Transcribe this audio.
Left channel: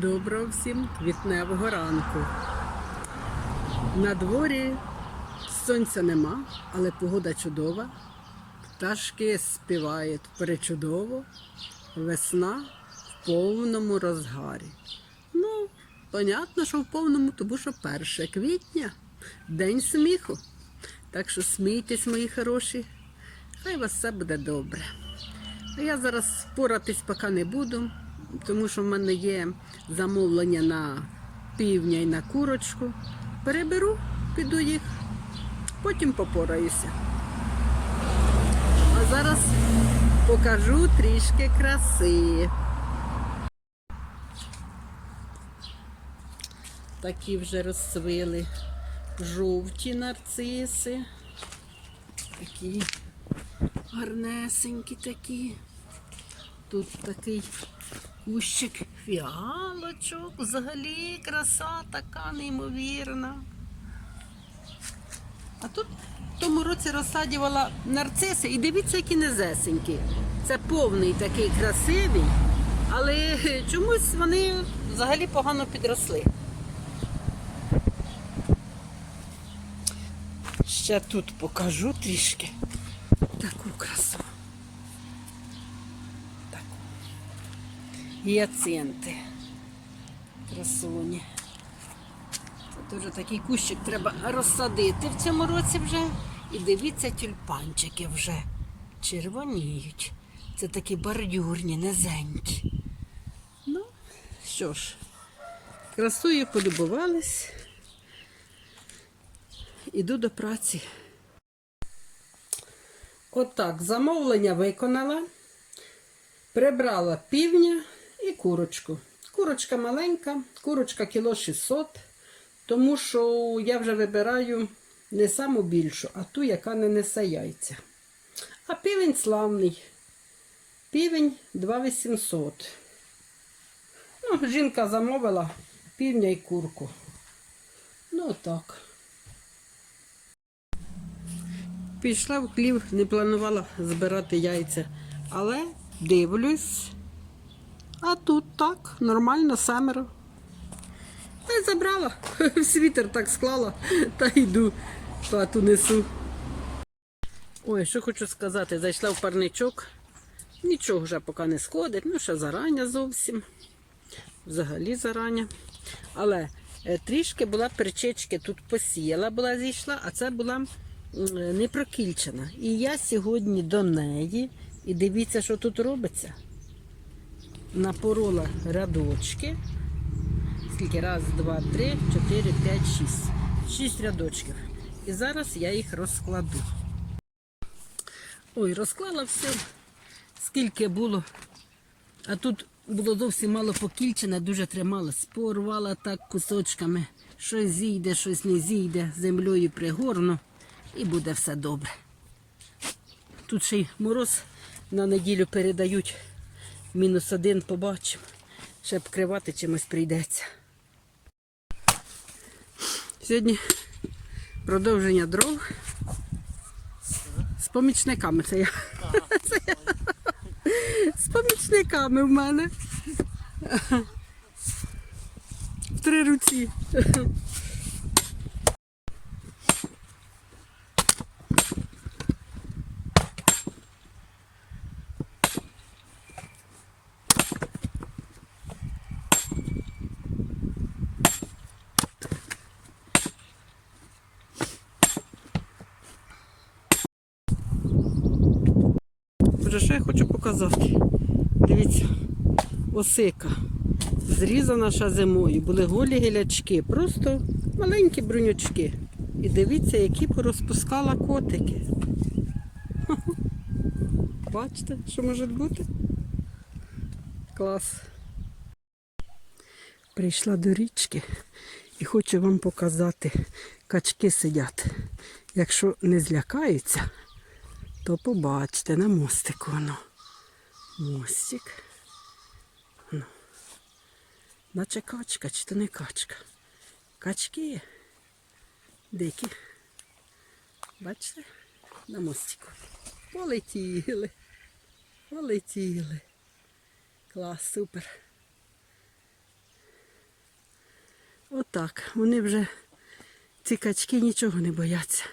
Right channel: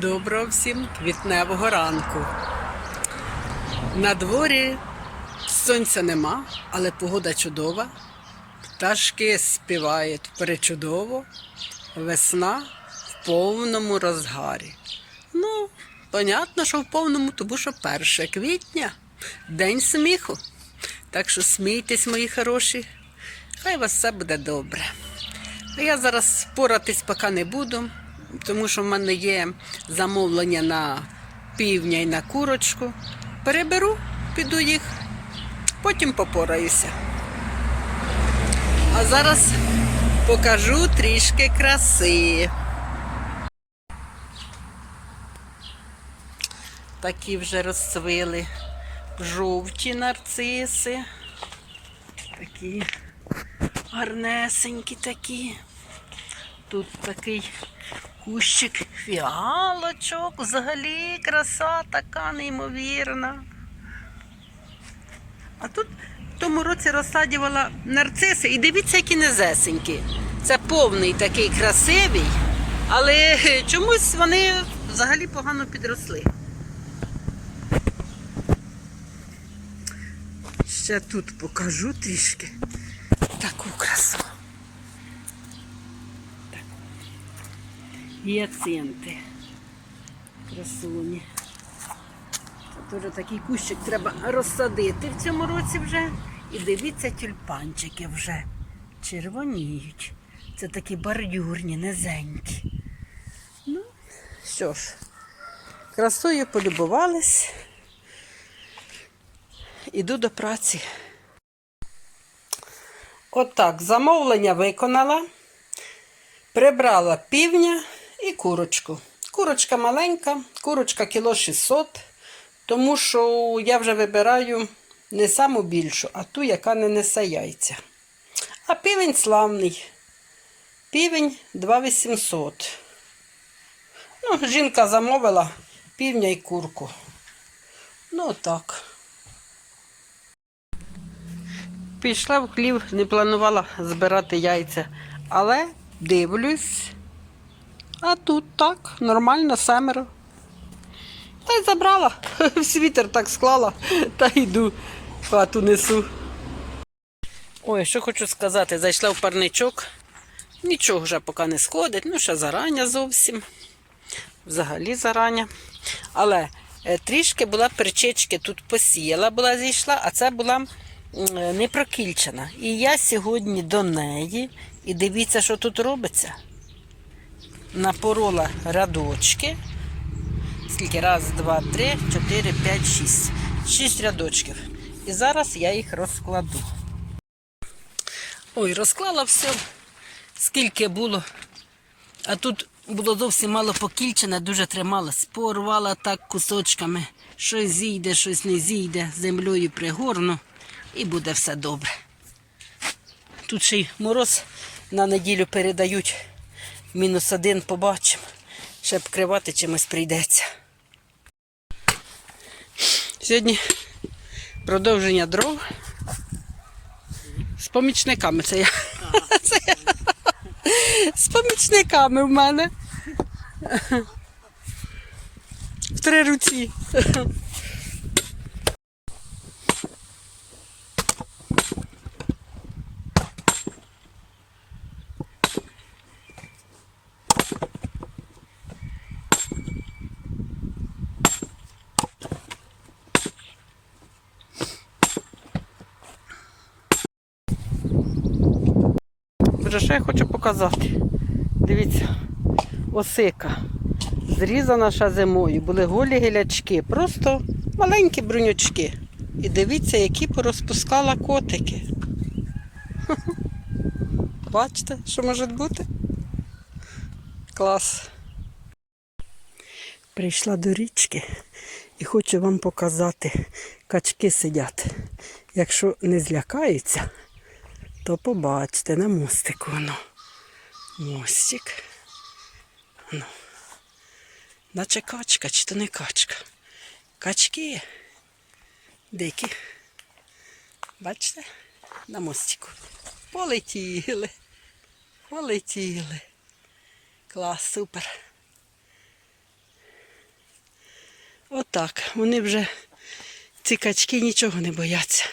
Доброго всім квітневого ранку. На дворі сонця нема, але погода чудова. Пташки співають перечудово. Весна в повному розгарі. Ну, понятно, що в повному, тому що 1 квітня день сміху. Так що смійтесь, мої хороші, хай у вас все буде добре. А я зараз споратись поки не буду, тому що в мене є замовлення на півня і на курочку. Переберу, піду їх, потім попораюся. А зараз покажу трішки краси. Такі вже розцвіли жовті нарциси. Такі гарнесенькі такі. Тут такий кущик фіалочок, взагалі краса така неймовірна. А тут в тому році розсадювала нарциси і дивіться, які незесенькі. Це повний такий красивий, але чомусь вони взагалі погано підросли. Ще тут покажу трішки таку Гіацинти. Красуні. Це теж такий кущик треба розсадити в цьому році вже. І дивіться, тюльпанчики вже червоніють. Це такі бордюрні, низенькі. Ну, що ж, красою полюбувались. Іду до праці. Отак, замовлення виконала, прибрала півня і курочку. Курочка маленька, курочка кіло 600, тому що я вже вибираю не саму більшу, а ту, яка не несе яйця. А півень славний. Півень 2800. Ну, жінка замовила півня і курку. Ну, так. Пішла в хлів, не планувала збирати яйця, але дивлюсь. А тут так, нормально, семеро. Та й забрала. В світер так склала та йду хату несу. Ой, що хочу сказати, зайшла в парничок. Нічого вже поки не сходить, ну ще зарання зовсім. Взагалі зарання. Але е, трішки була перчички, тут посіяла, була зійшла, а це була е, не прокільчена. І я сьогодні до неї, і дивіться, що тут робиться. Напорола рядочки. Скільки? Раз, два, три, чотири, п'ять, шість. Шість рядочків. І зараз я їх розкладу. Ой, розклала все, скільки було. А тут було зовсім мало покільчене, дуже трималась. Порвала так кусочками. Щось зійде, щось не зійде, землею пригорну і буде все добре. Тут ще й мороз на неділю передають. Мінус один побачимо. Ще вкривати чимось прийдеться. Сьогодні продовження дров з помічниками. Це я. Це я. З помічниками в мене. В три руці. Боже, що я хочу показати? Дивіться, осика. Зрізана ще зимою. Були голі гілячки, просто маленькі брунючки. І дивіться, які порозпускала котики. Бачите, що може бути? Клас. Прийшла до річки і хочу вам показати. Качки сидять. Якщо не злякаються, то побачите на мостику воно. Мостик. Ну. Наче качка, чи то не качка. Качки. Дикі. Бачите? На мостику. Полетіли. Полетіли. Клас, супер. так. Вони вже, ці качки, нічого не бояться.